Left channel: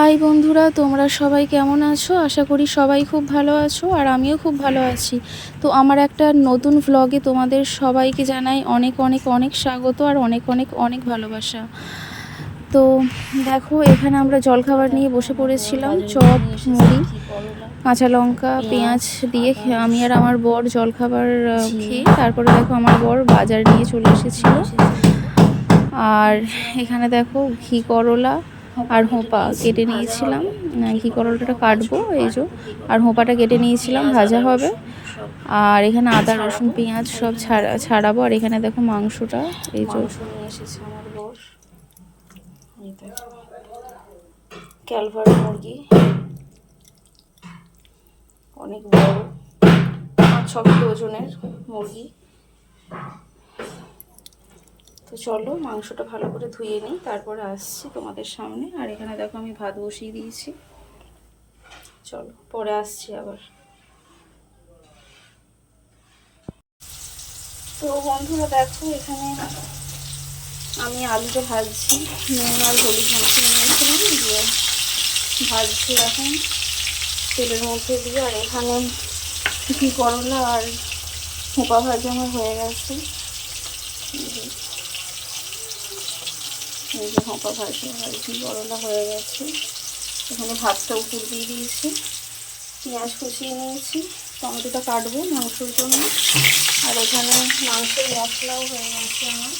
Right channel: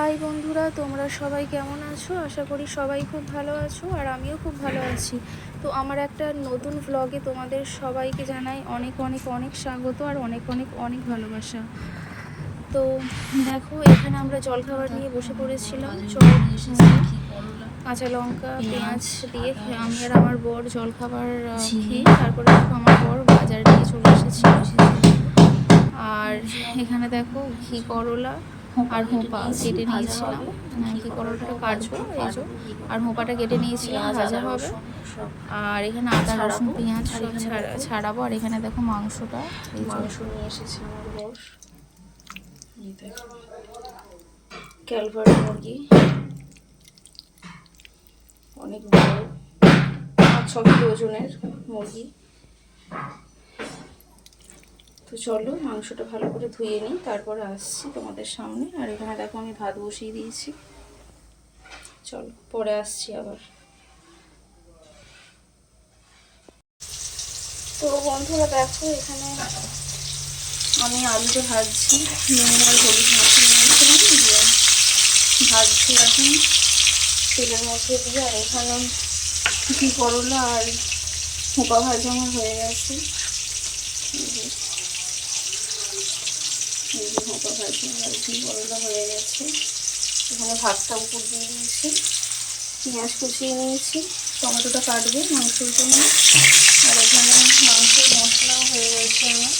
High বন্ধুরা, তোমরা সবাই কেমন আছো? আশা করি সবাই খুব ভালো আছো, আর আমিও খুব ভালো আছি। তো আমার একটা নতুন ভ্লগে তোমাদের সবাইকে জানাই অনেক অনেক অনেক স্বাগত আর অনেক অনেক অনেক ভালোবাসা। তো দেখো, এখানে আমরা জলখাবার নিয়ে বসে পড়েছিলাম। চপ, মুড়ি, কাঁচা লঙ্কা, পেঁয়াজ দিয়ে আমি আর আমার বর জলখাবার খেয়ে তারপরে দেখো আমার বর বাজার নিয়ে চলে এসেছিল। আর এখানে দেখো ঘি করলা আর হোঁপা কেটে নিয়েছিলাম। ঘি করলাটা কাটবো, এই যে, আর হোঁপাটা কেটে নিয়েছিলাম, ভাজা হবে। আর এখানে আদা রসুন পেঁয়াজ সব ছাড়াবো। আর এখানে দেখো মাংসটা, এই মাংস নিয়ে এসেছে আমার বর। এই দেখো ক্যালভারি মুরগি, অনেক বড়, 5-6 কিলো ওজনের মুরগি। তো চলো মাংসটা ভালো করে ধুয়ে নিই, তারপরে আসছি তোমাদের সামনে। আর এখানে দেখো আমি ভাত বসিয়ে দিয়েছি, চলো পরে আসছি আবার। তো বন্ধুরা দেখো, এখানে আমি আলুটা ভাজছি, নুন আর হলুদ মাখিয়ে নিয়েছিলাম, দিয়ে ভাজছি এখন তেলের মধ্যে দিয়ে। আর এখানে ঘি করলা আর হোঁপা ভাজা আমার হয়ে গেছে। এই যে হোঁপা ভাজা আর ঘি করলা হয়ে গেছে। এখানে ভাতটা উপর দিয়ে দিয়েছি, পেঁয়াজ কুচিয়ে নিয়েছি, টমেটোটা কাটবো মাংসের জন্য। আর এখানে মাংসের মশলাও হয়ে গেছে আমার।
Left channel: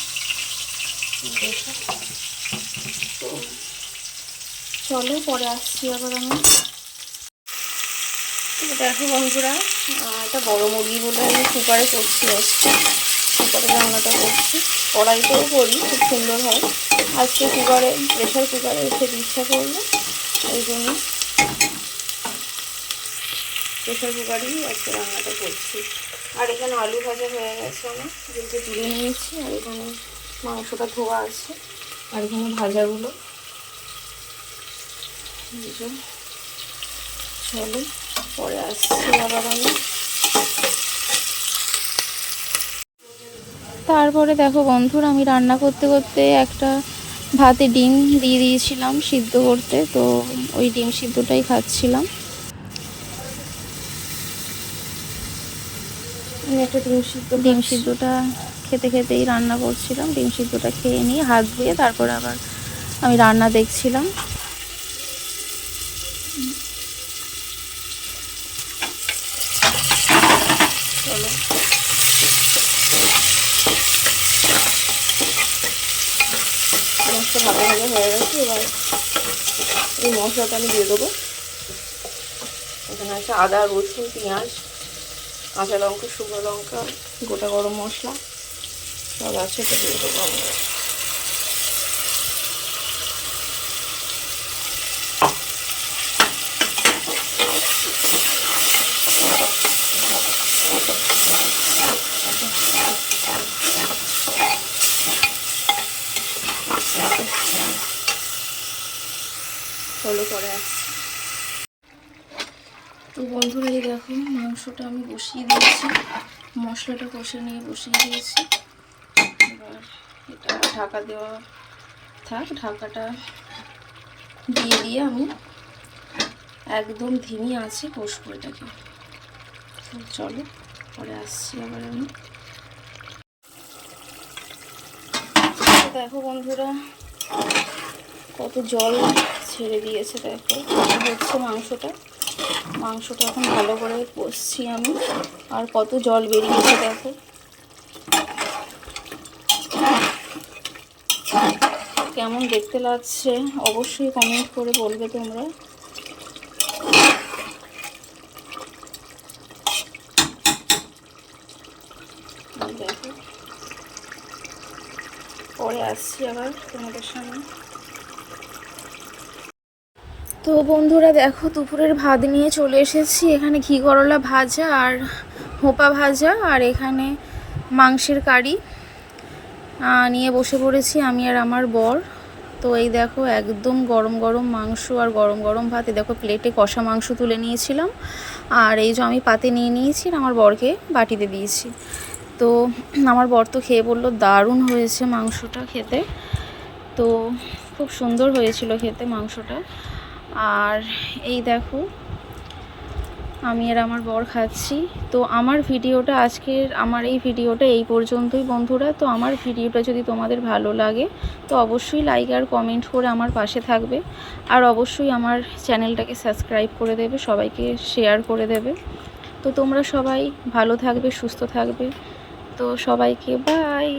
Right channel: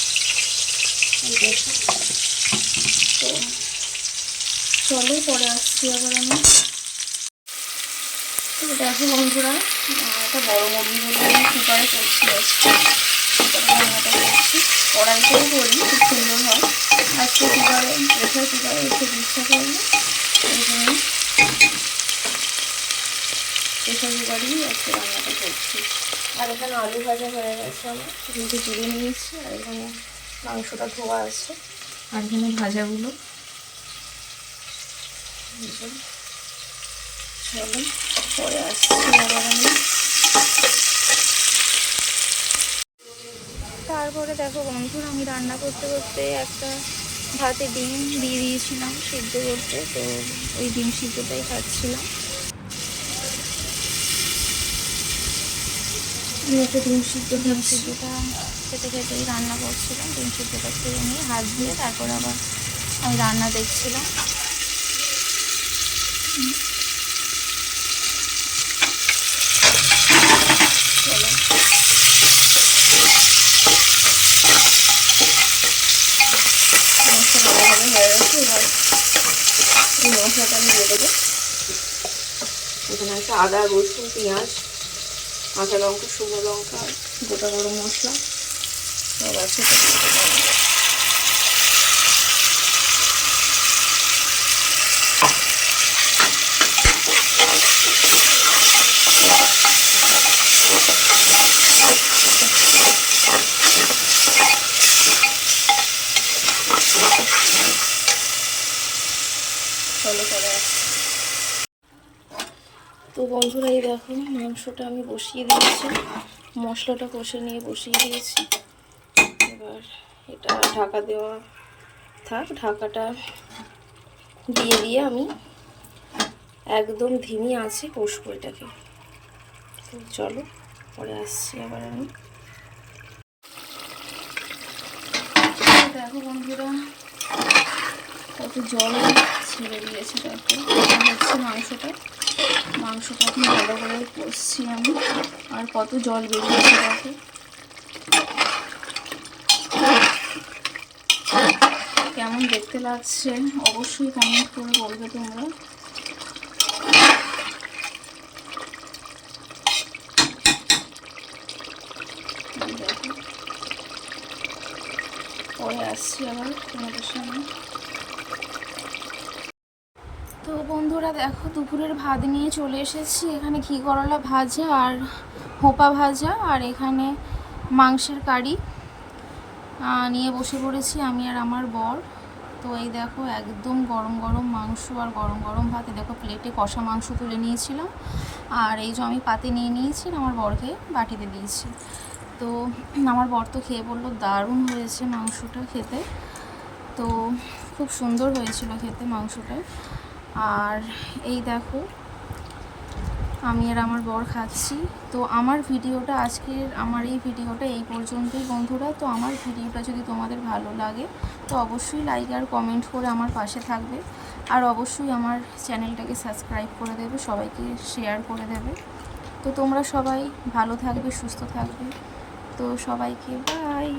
তো চলো পরে আসছি আবার আমি। তো দেখো বন্ধুরা, একটা বড় মুরগি বলে আমি কুকারে করছি আজকে। কুকারে রান্নাটা করছি, কড়াইতেও করি, খুব সুন্দর হয়। আজকে কুকারে, প্রেশার কুকারে খেতে ইচ্ছা করলো, এই জন্য প্রেশার কুকারেই আজকে রান্নাটা করছি। আর এখানে আলু ভাজা হয়ে গেছে আমার, যেহেতু তুলে নিয়েছি। আর এখানে মাংসটা ধোয়া আছে, আর এখানে ভাজাগুলো। চলো পরে আসছি আবার আমি। তারপরে দেখো বন্ধুরা, আমি রান্না করতে করতে একটা ভাতে ডিম দিয়ে দিয়েছিলাম সিদ্ধ করতে, তো ওই ডিম সিদ্ধটাই খাচ্ছিলাম। আমি একটা ডিম সিদ্ধটা খেতে খেতেই রান্না করছিলাম। ডিম সিদ্ধটা খেয়ে নিয়ে হাত ধুয়ে তারপরে আবার আমি রান্না দেখছিলাম। চলো মশলা ভালোভাবে হয়ে গেছে। এবার এই মশলাটা আমি দিয়ে দেবো। এখানে আছে আদা রসুন পেঁয়াজ কাঁচা লঙ্কা শুকনো লঙ্কা গোটা গরম মশলা সব আছে, এটা দিয়ে দেবো। চলো পরে আসছি। তো বন্ধুরা এই দেখো মাংসটা আমি বসিয়ে দিয়েছি, মশলাটা কষে নিয়ে বসিয়ে দিয়েছি। এবার এটা ঢাকা দেওয়া থাক, ঢাকাটা দিয়ে দিয়ে আমি একদম ধিমি আঁচে কষবো এটাকে। তো চলো পরে আসছি আবার আমি। দেখো বন্ধুরা কত জল ছেড়ে দিয়েছে, দেখো হচ্ছে মাংসটা এখন ভালো করে কষছি আমি। আর কত জল বেরিয়েছে দেখো। কেমন দেখতে লাগছে অবশ্যই কমেন্ট করে বলবে তোমরা। দেখো পরে আসছি আবার তোমাদের সামনে। তো বন্ধুরা দেখো দুপুরের ভাত নিয়ে চলে এসেছি। এখানে ঘি করলা ভাজা আর হোঁপা ভাজা, আর এখানে মাংসের কারি নিয়ে বসে পড়েছি আমি আর আমার বর। তো এই দেখো একদম গরম গরম মাংস আর গরম গরম ভাত। দেখো প্লেটে কষা মাংস তুলে নিয়েছিলাম, আর এই যে আমি পাতে নিয়ে নিয়েছি, আমার বরকে বাটিতে দিয়েছি। তো আমার বর তো খেয়ে বললো দারুণ হয়েছে মাংসটা খেতে। তো খুব সুন্দর হয়েছিল খেতে মাংসটা। আর এই দেখো আমি আর আমার বর খাচ্ছি। তো আমার এই ভিডিওটা এই পর্যন্তই বন্ধুরা। তো আমার ভিডিওটা যদি তোমাদের ভালো লাগে তো অবশ্যই লাইক আর কমেন্ট করে আমার পাশে থাকবে, আর অবশ্যই আমার চ্যানেলটাকে সাবস্ক্রাইব করে দেবে, সবাইকে শেয়ার করে দেবে। তো তোমরা সবাই ভালো থাকবে, সুস্থ থাকবে। তো সবাইকে বাই।